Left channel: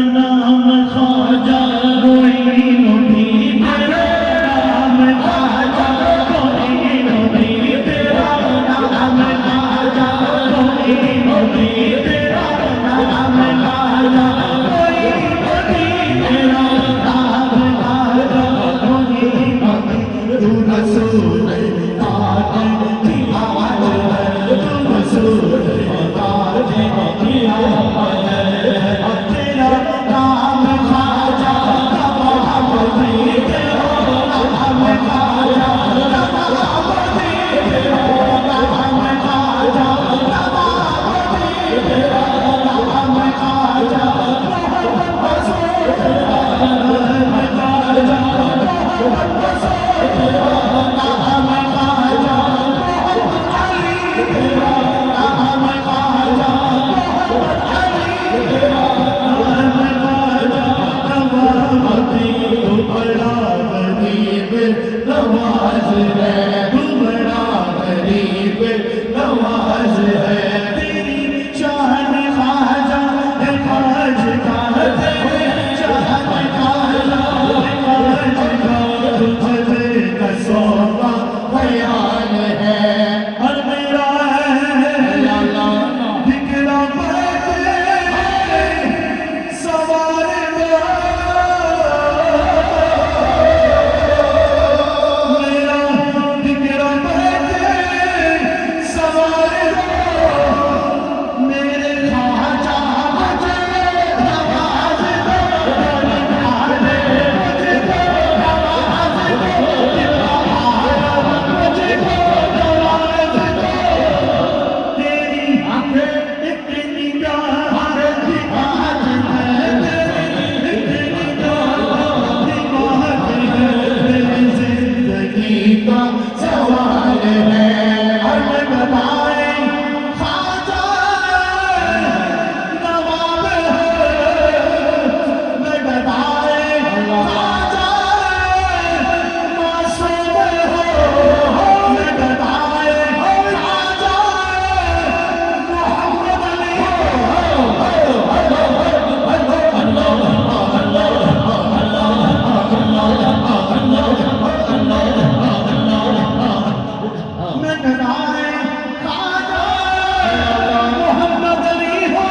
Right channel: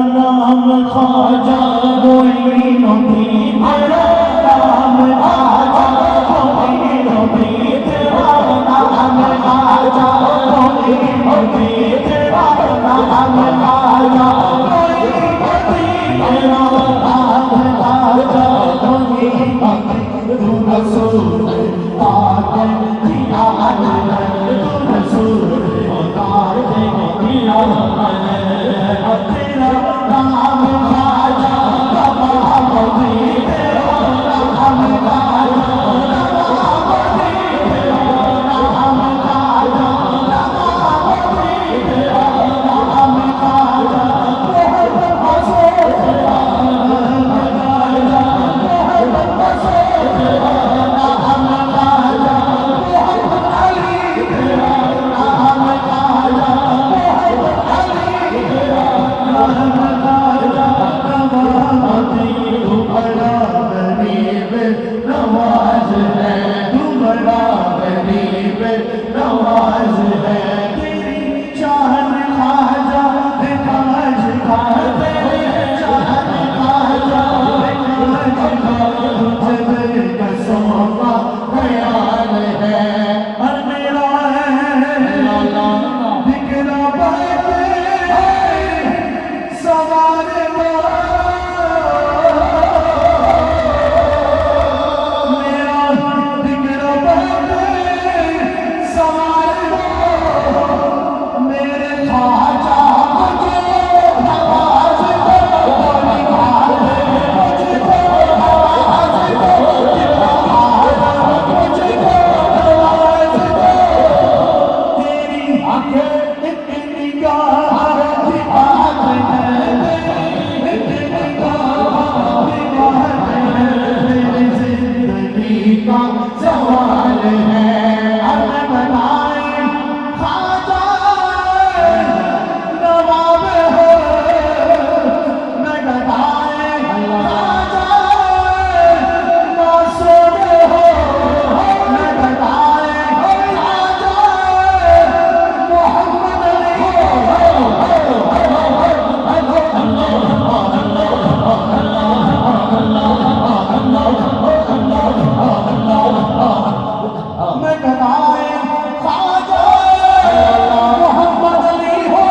नाम ख्वाजा कोई नबी तेरा नाम ख्वाजा कोई नबी तेरा नाम ख्वाजा कोई नबी तेरा नाम ख्वाजा कोई नबी तेरा नाम ख्वाजा कोई नबी तू रसूल पाक की आवाज़ है तू रसूल पाक की आवाज़ है तेरा नाम ख्वाजा बाबा तेरा नाम ख्वाजा बाबा तेरा नाम ख्वाजा बाबा तेरा नाम ख्वाजा मोहम्मद हसन तेरा नाम ख्वाजा मोहम्मद हसन तेरा नाम ख्वाजा मोहम्मद अली तेरा नाम ख्वाजा मोहम्मद अली तेरा नाम ख्वाजा नवाज़ी तू बड़ा गरीब नवाज है तू बड़ा गरीब नवाज है तेरी शान ख्वाजा है खाज का तेरी शान ख्वाजा है खाज का तुझे का सोबा ख्याल है और मेरा है लाला दिखना पाते सवार मेरा दिखना पाते सवार मेरे ख्वाजा मुझे नवाज दो मुझको नवाज दो मुझको नवाज दो तेरी आंखें एक निगाह की बात है तेरी एक निगाह की बात है मेरी जिंदगी का सवाल है और मैं बताए ख्वाजा नवाब हो मैं बताए ख्वाजा मासूम हो मैं बताए ख्वाजा मोहम्मद अली मैं बताए ख्वाजा मोहम्मद अली हो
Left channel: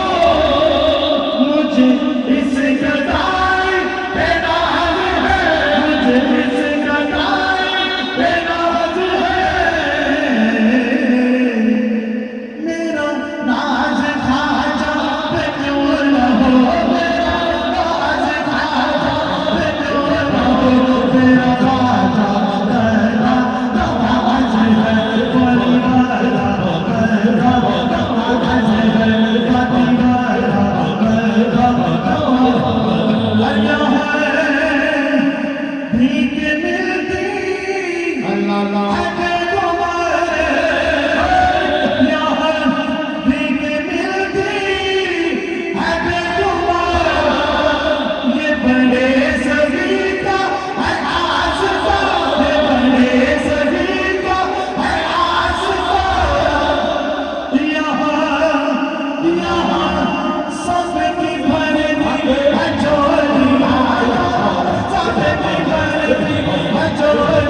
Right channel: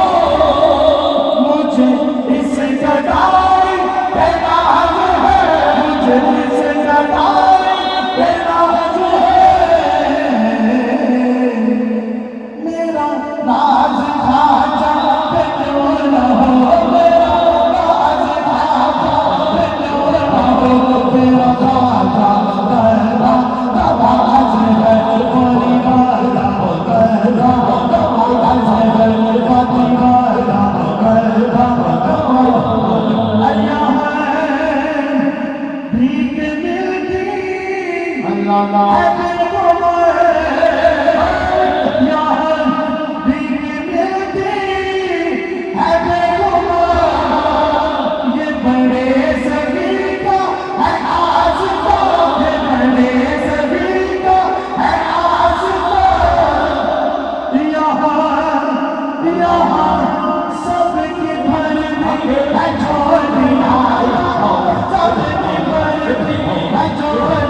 मुझे इस गदाई पे नाज है मुझे इस गदाई पे नाज है मेरा नाज ख्वाजा पे क्यों न हो मेरा नाज ख्वाजा पे क्यों न हो मेरा ख्वाजा तेरा नवाज है कोई वाला तेरा नवाज है कोई वाला तेरा नवाज आया है भीख मिलती अल्लाह है यहाँ भीख मिलती है बेगुमान ये बड़े सभी का है आसता ये बड़े सभी का है आसता यहाँ सबकी भरती है झोलियाँ सबकी भरती है झोलियाँ